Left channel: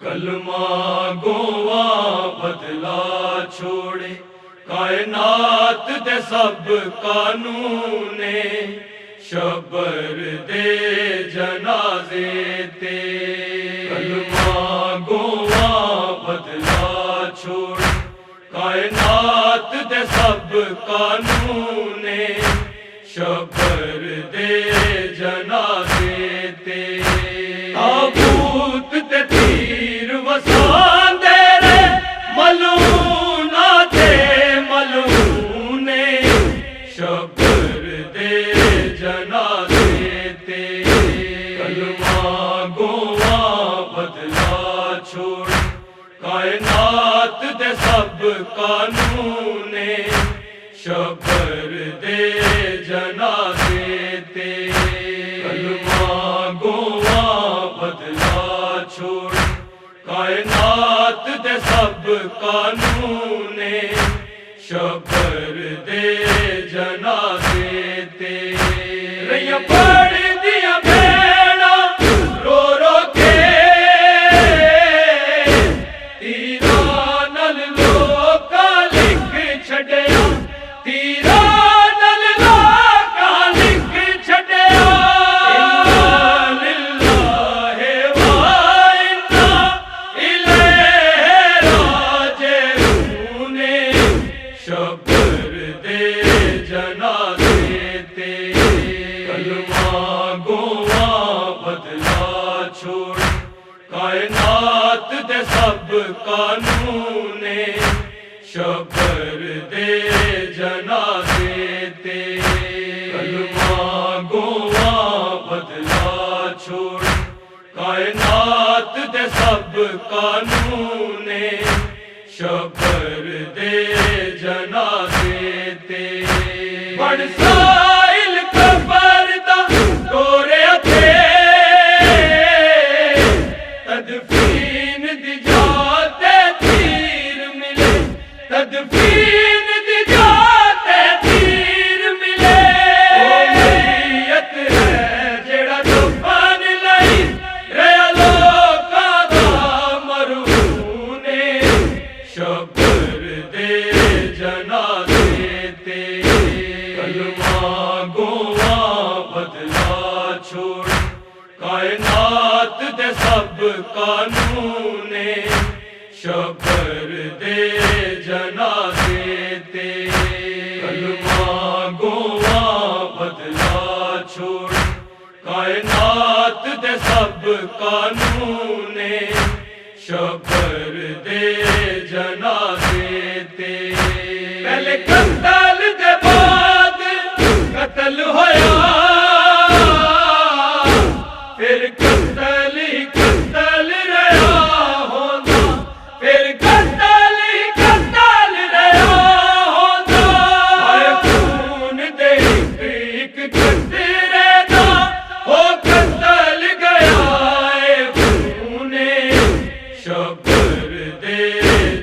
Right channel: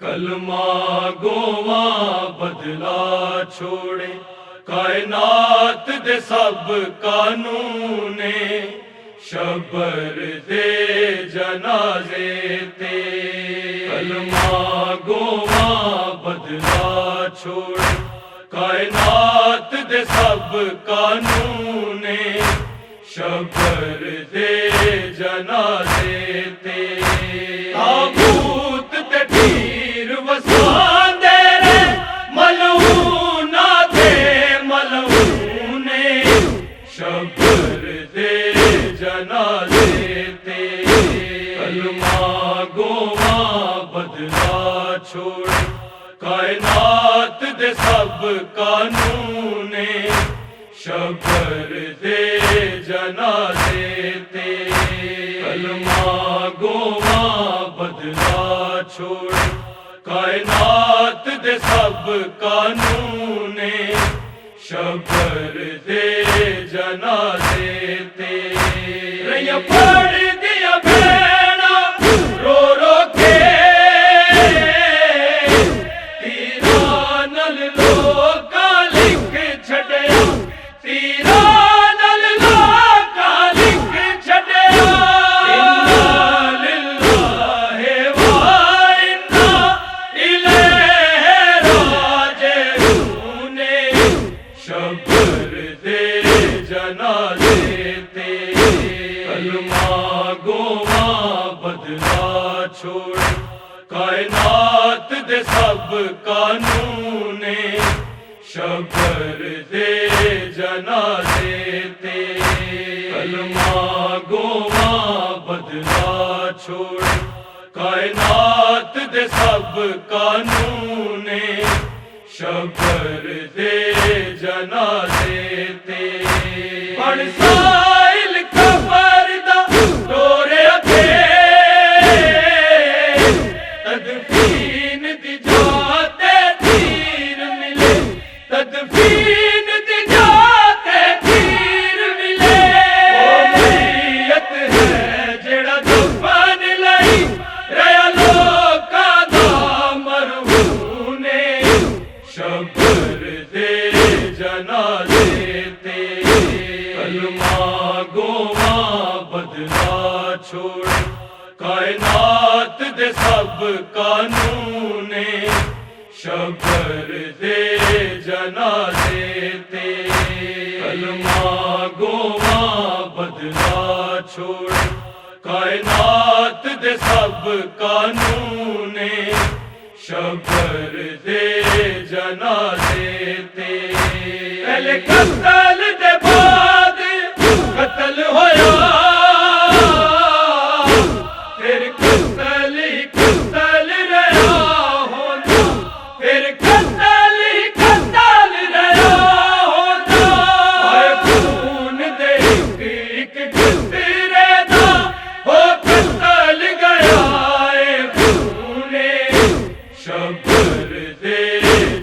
کلمہ گواں بدلا چھوڑے کائنات دے سب قانونے شبر دے جنازے تے کلمہ گواں بدلا چھوڑے کائنات دے سب قانونے شبر دے جنازے تے تابوت تے تیر وسان دے رے ملعونا تے ملعونے شبر دے جنازے تے کلمہ گواں بدلا چھوڑ کائنات دے سب قانونے شبر دے جنازے تے کلمہ گواں بدلا چھوڑ کائنات دے سب قانونے شبر دے جنازے تے رہیاں پڑھ دیا بھیڑا رو رو کے تیرا نل لوکا لکھ چھڈیا تیرا نل لوکا لکھ چھڈیا انا للہ و انا الیہ راجعون شبر دے جنازے تے کلمہ گواں بدلا چھوڑ کائنات دے سب قانونے شبر دے جنازے تے کلمہ گواں بدلا چھوڑ کائنات دے سب قانونے شبر دے جنازے تے بن سائل قبر دا دورے تے تدفین دی جاتے تیر ملے تدفین دی جاتے تیر ملے او میت ہے جڑا دفن لئی ریا لوکا دا مرہونے شبر دے جنازے تے کلمہ گواں بدلا چھوڑ کائنات دے سب قانونے شبر دے جنازے تے کلمہ گواں بدلا چھوڑ کائنات دے سب قانونے شبر دے جنازے تے پہلے قتل دے بعد قتل ہویا پھر قتل ہی قتل رہا ہوتا پھر قتل ہی قتل رہا ہوتا ہائے خون دے ایک قطرے دا ہو قتل گیا اے خونے شبر دے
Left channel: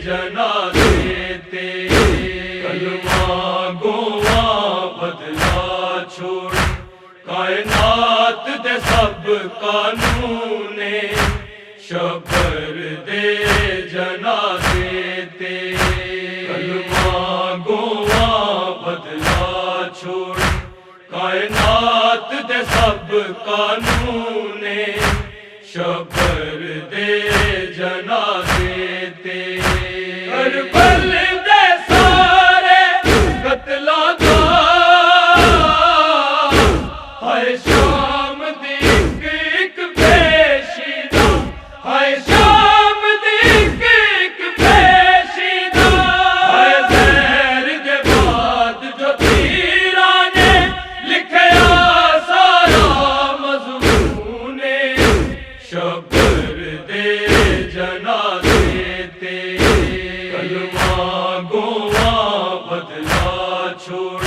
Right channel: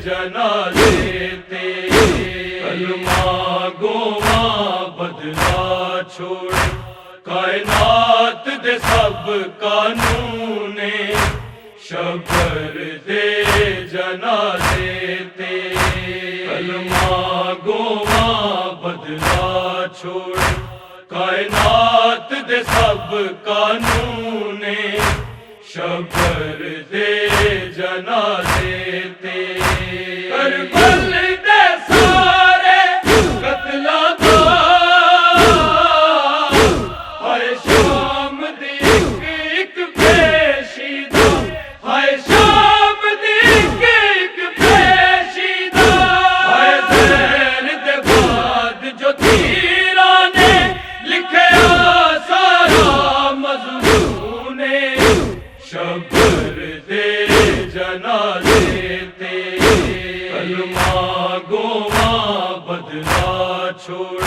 جنازے تے کلمہ گواں بدلا چھوڑ کائنات دے سب قانونے شبر دے جنازے تے کلمہ گواں بدلا چھوڑ کائنات دے سب قانونے شبر دے جنازے تے کربل دے سارے قتلاں دا ہائے شام دی ایک پیشیدہ ہائے شام دی ایک پیشیدہ ہائے زہر دے بعد جو تیراں نے لکھیا سارا مضمونے شبر دے جنازے تے کلمہ گواں بدلا چھوڑ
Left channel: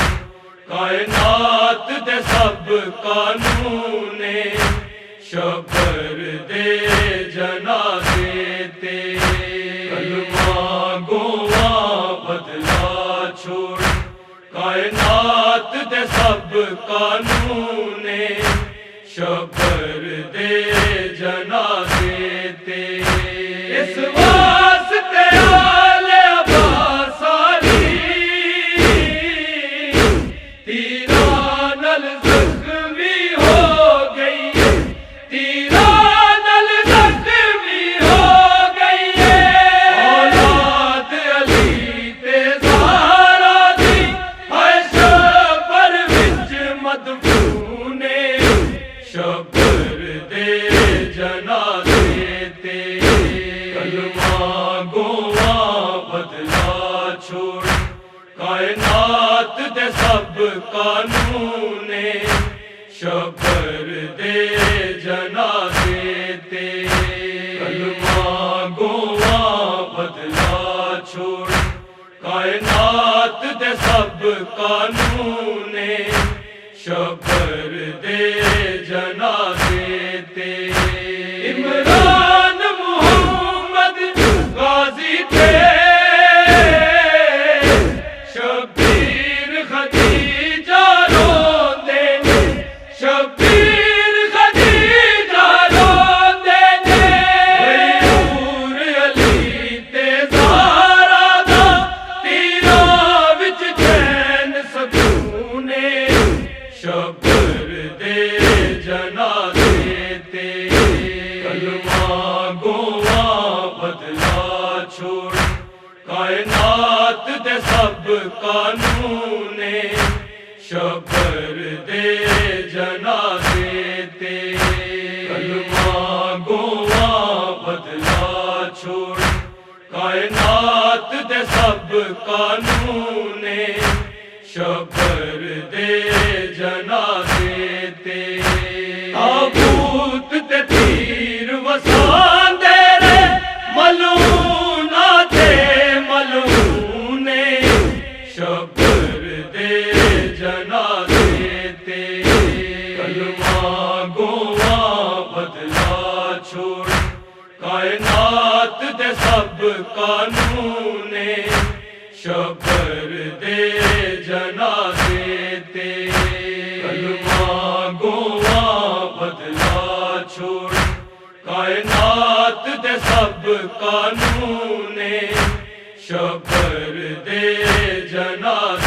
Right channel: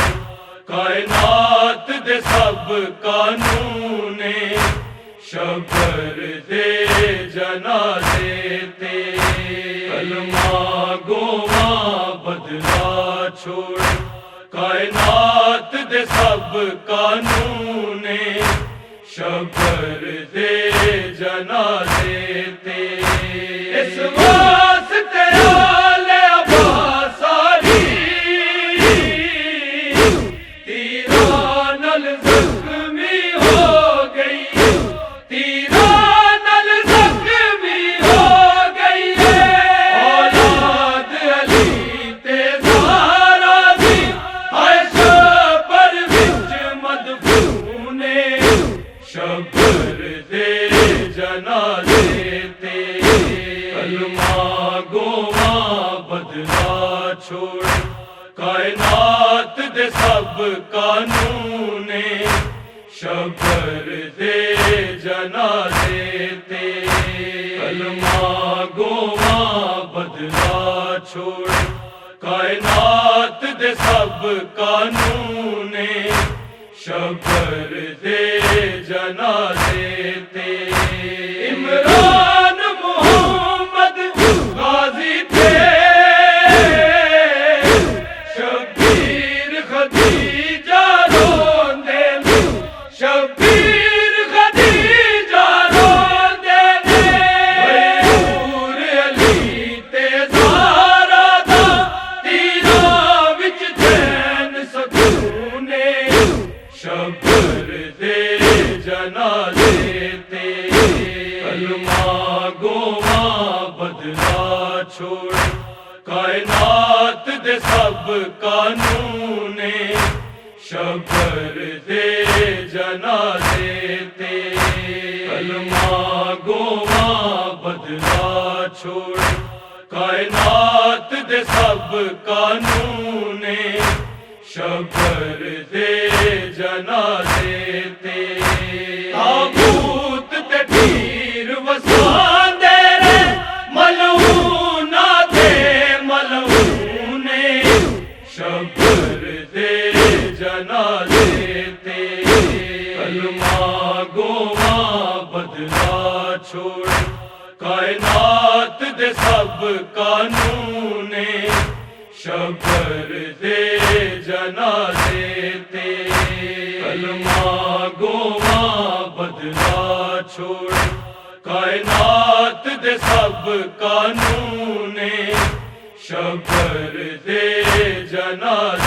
کائنات دے سب قانونے شبر دے جنازے تے کلمہ گواں بدلا چھوڑ کائنات دے سب قانونے شبر دے جنازے تے شبر دے جنازے تے کلمہ گواں بدلا چھوڑ کائنات دے سب قانون شبر دے جنازے تے کلمہ گواں بدلا چھوڑ کائنات دے سب قانون شبر دے جنازے تے عمران محمد غازی تھے شبیر خدیجہ روندے نے شبیر خدیجہ روندے نے حضور علی تے زہرا دا تیرا وچ چین سکون شبر دے جنازے تے کلمہ گواں بدلا چھوڑ کائنات دے سب قانون شبر دے جنازے تے کلمہ گواں بدلا چھوڑ کائنات دے سب قانون شبر دے جنازے تے تابوت تے تیر وساندے رہے ملعونا تے ملعون شبر دے جنازے تے کلمہ گواں بدلا چھوڑ کائنات دے سب قانون شبر دے جنازے تے کلمہ گواں بدلا چھوڑ کائنات دے سب قانون شبر دے جنازے